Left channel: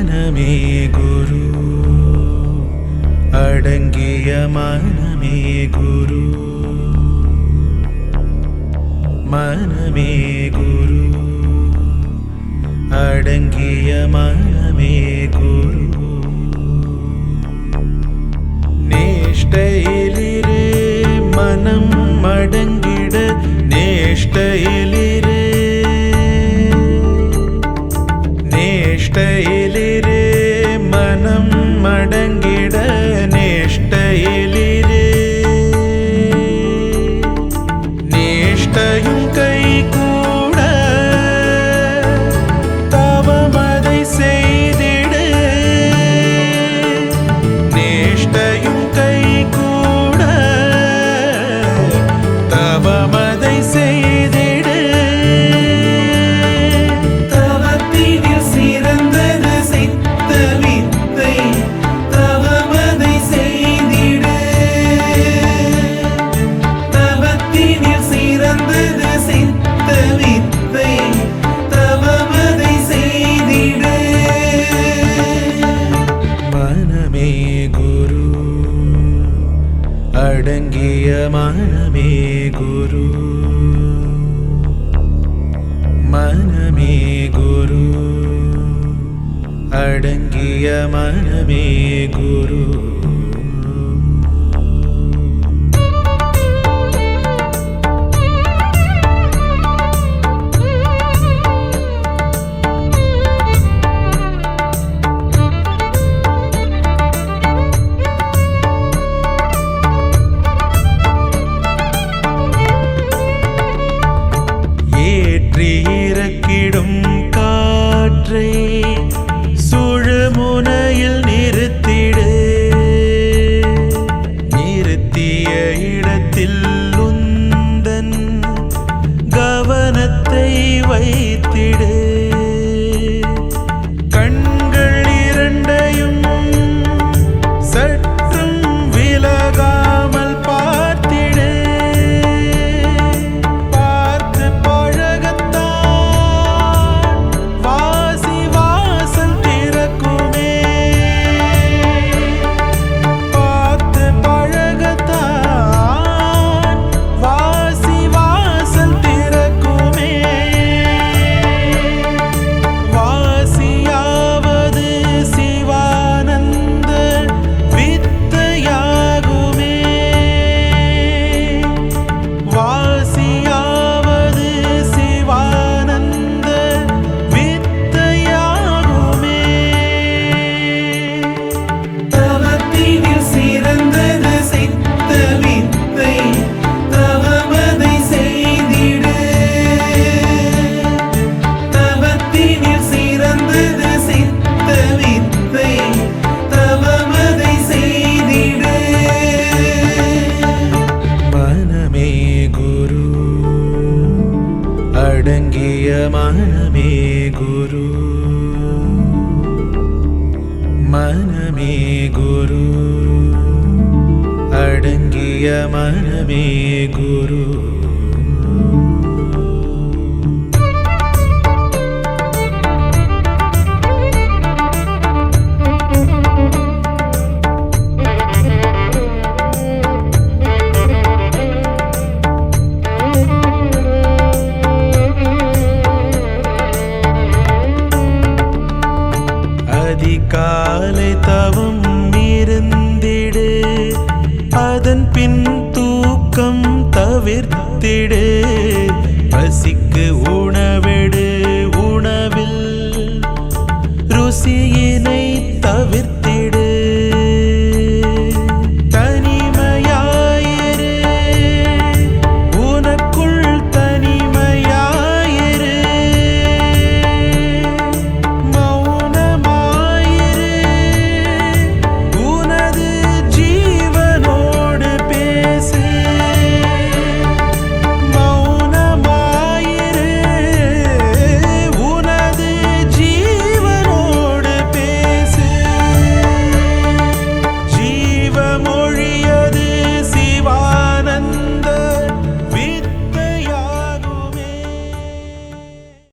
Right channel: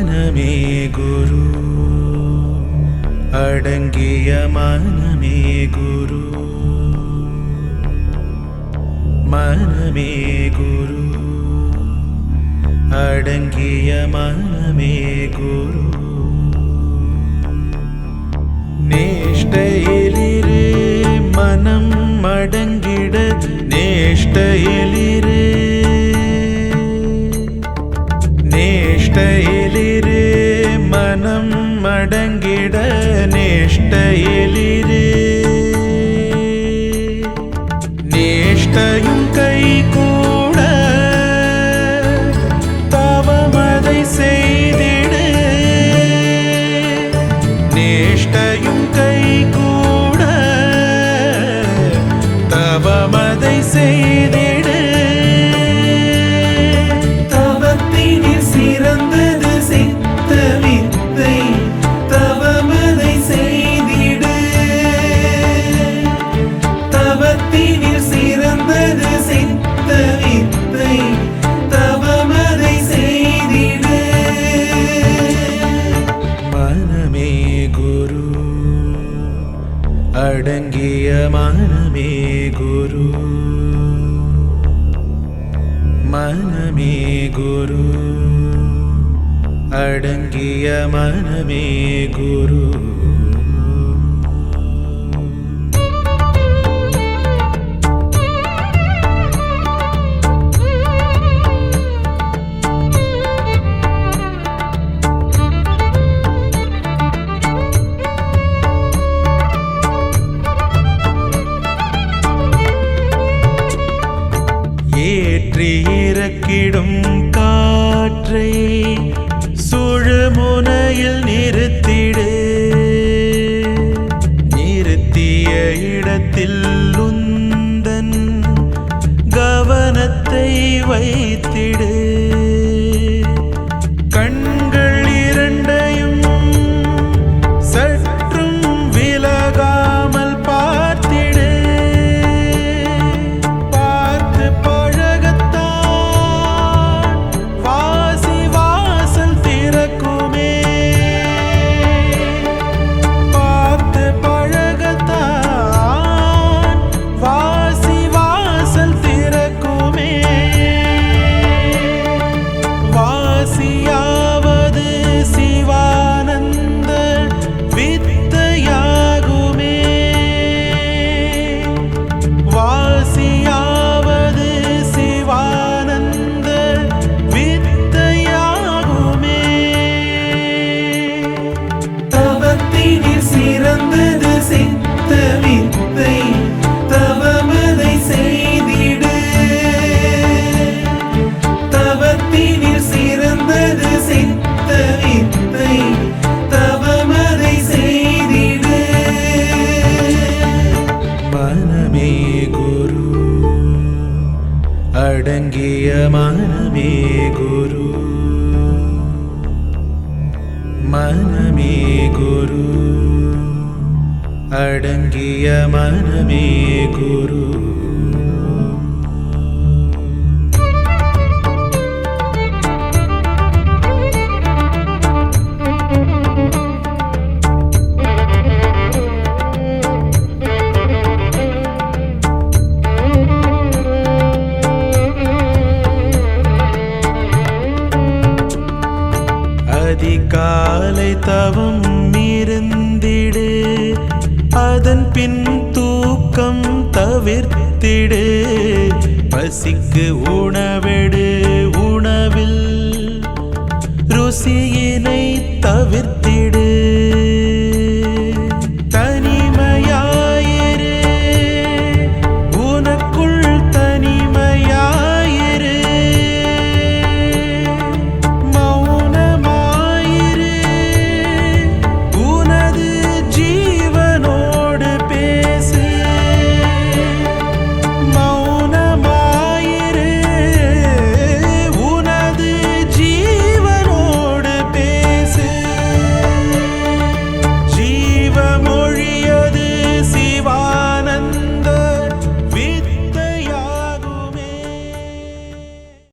മനമേ ഗുരു. അടങ്ങിയ മനമേ ഗുരു. മനമേ ഗുരു. അടങ്ങിയ മനമേ ഗുരു. നേഷ്ടയിലിരു മനം മടങ്ങിട നേഷ്ടയിലി மனம் அடங்கிட நேஷ்டையிலிரு நேஷ்டையும் கை கூட தவமதை செய்திடு. நேஷ்டையும் கை கூட தவமதை செய்திடு மனமே குரு. அடங்கிய மனமே குரு. மனமே குரு. அடங்கிய மனமே குரு. ஏற்றி இறக்கிடும் காற்றை சுழுமுனையில் நிறுத்திடு. நிறுத்திய இடத்தில் உந்தன் கவனத்தை வைத்திடு. வாசியாவது சீ அடங்கிய மனமே குரு மனமே குரு அடங்கிய மனமே காலை தவம் இருந்திடு. அதன் பின் தூக்கம் தவிர்த்திடு. பசிக்கு உணவெடு உணவில். ருசியினை தவிர்த்திடு.